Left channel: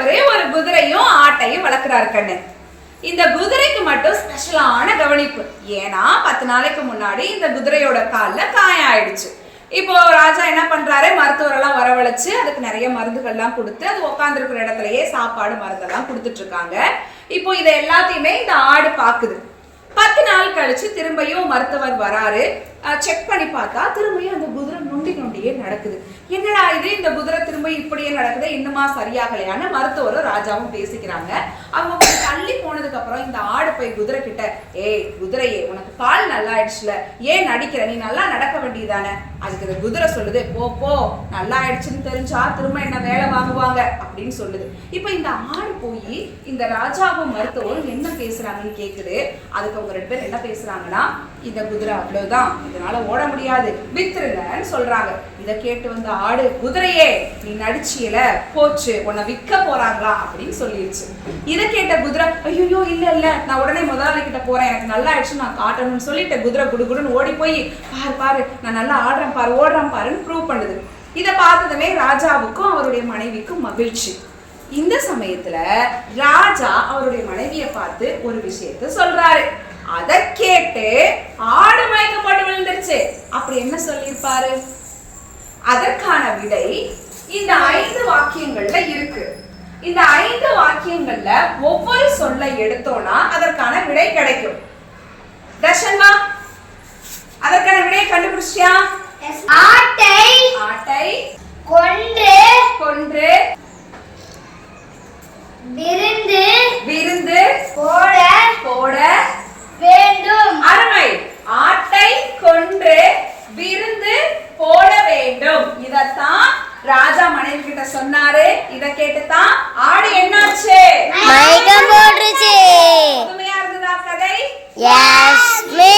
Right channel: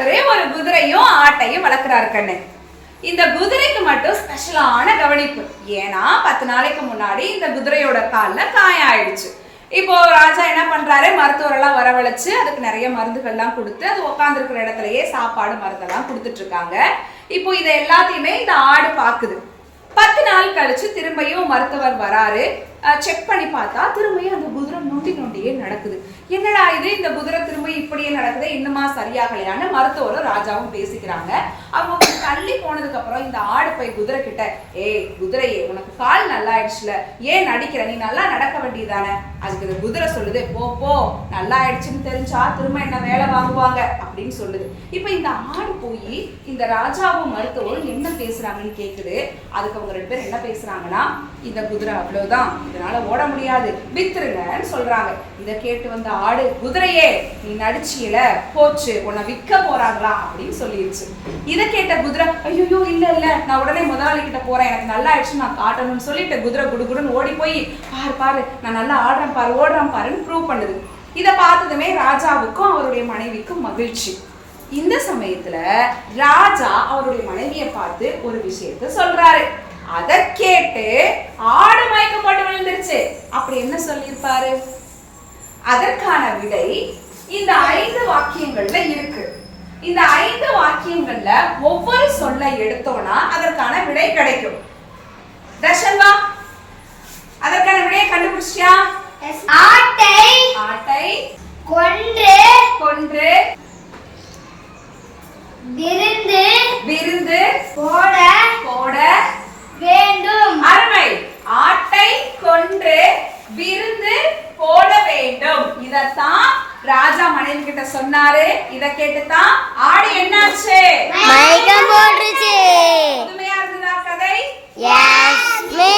ஒரே ஒரு குதிரையும் ஆட்டையும் வளர்க்குறாரு கண்ணு. இந்த குதிரைக்கு மட்டும் ஸ்பெஷலான கவனிப்பு. ஏன்னா பத்து நாளைக்கு முன்னாடி இந்த குதிரையோட காலில் காயம் ஆயிடுச்சு. இப்போ ராஜா என்ன பண்றாரு? மருத்துவரெல்லாம் வரவழைச்சு அதுக்கு நிறைய மருந்துகள்லாம் கொடுத்து அது உட்காந்துருக்கிற இடத்துலயே சாப்பாடு மருந்தெல்லாம் கொடுத்துட்டு இருக்காங்க. இப்போ இதை எல்லாத்தையுமே இந்த ஆடு பாக்குது. பத்து நாள் கழிச்சு திரும்பியும் மருத்துவர் வராரு. செக் பண்ணி பார்த்தா திரும்பியும் அந்த குதிரை நொண்டி நொண்டியே நடக்குது. என்னடா இது? இந்த குதிரை திரும்ப இப்படியே நடக்குது? இன்னுமா சரியாகலையான்னு மருத்துவரும் ராஜாவும் பேசிக்கிறாங்க. அவங்க கொஞ்சம் தள்ளி போனதுக்கு அப்புறம் இந்த ஆடு போய் குதிரை கிட்ட ஏய் குதிரையே உனக்கு கால் நல்லா ஆயிடுச்சுல. ஏன் நடிக்கிற? நீ நல்லா நடக்க வேண்டியதானே? அதுக்கு இந்த குதிரை சொல்லுது போ போ நல்லா ஆயிடுச்சுன்னு தெரிஞ்சா திரும்ப என்ன வேலை வாங்குவாங்க? அப்படின்னு சொல்லுது. இப்போ இந்த ஆடு போய் இந்த ராஜாவும் மருத்துவரும் என்ன பேசுறாங்கன்னு கேக்குது. அதுக்கு அவங்க ரெண்டு பேரும் என்ன பேசுறாங்கன்னா இந்த குதிரை அவ்வளவுதான் இதனால ஓட முடியாது வித்துருங்கன்னு சொல்றாங்க. இதை கேட்டு வந்த ஆடு குதிரையே நீ நடிச்சியல போச்சு உன்னை விற்க போறாங்களா அப்படின்னு சொல்லிருச்சு. இதை கேட்ட குதிரை ஐயோ இல்ல இல்ல நான் உடனே முதலாளி கிட்ட போறேன் எனக்கு நல்லா ஆயிடுச்சு நான் காட்டணும்னு சொல்லிட்டு குதிரை குடுகுடுன்னு ஓடி போய் பாரு பாரு நான் நல்லா ஆடுறேன் பாரு ஓடுறேன் பாருன்னு ப்ரூவ் பண்ணுது. இதை பார்த்ததுமே ராஜாவுக்கும் அவருடைய மனைவிக்கும் மகிழ்ச்சி. இந்த சமயத்துல ராஜா அவருடைய மனைவியை பார்த்து ஒரு விஷயத்த சொல்றாரு. அதை கேட்டு ஆடு மயக்கம் போட்டு விழுந்துருச்சு. அப்படி என்ன சொல்லியிருப்பாரு? அதற்கான விடை இந்த ஐந்து வாக்கியங்கள்ல இருக்கு. இந்த ஐந்து வாக்கியங்கள்ல ஒவ்வொரு சொல்லை எடுத்தோம்னா அதற்கான விடை கிடைக்கும். தர்ஷன் வா அதற்கான விடையை கண்டுபிடிச்சியா ஆட்டை ஆட்டை கொன்று வேண்டும் இதத்தான் ராஜா மனைவி கிட்ட சொன்னாரு. இத கேட்டுதான் ஆடு என்னாச்சு? மயக்கம் போட்டுருச்சு. புதுமையா இருந்ததா கதை? S me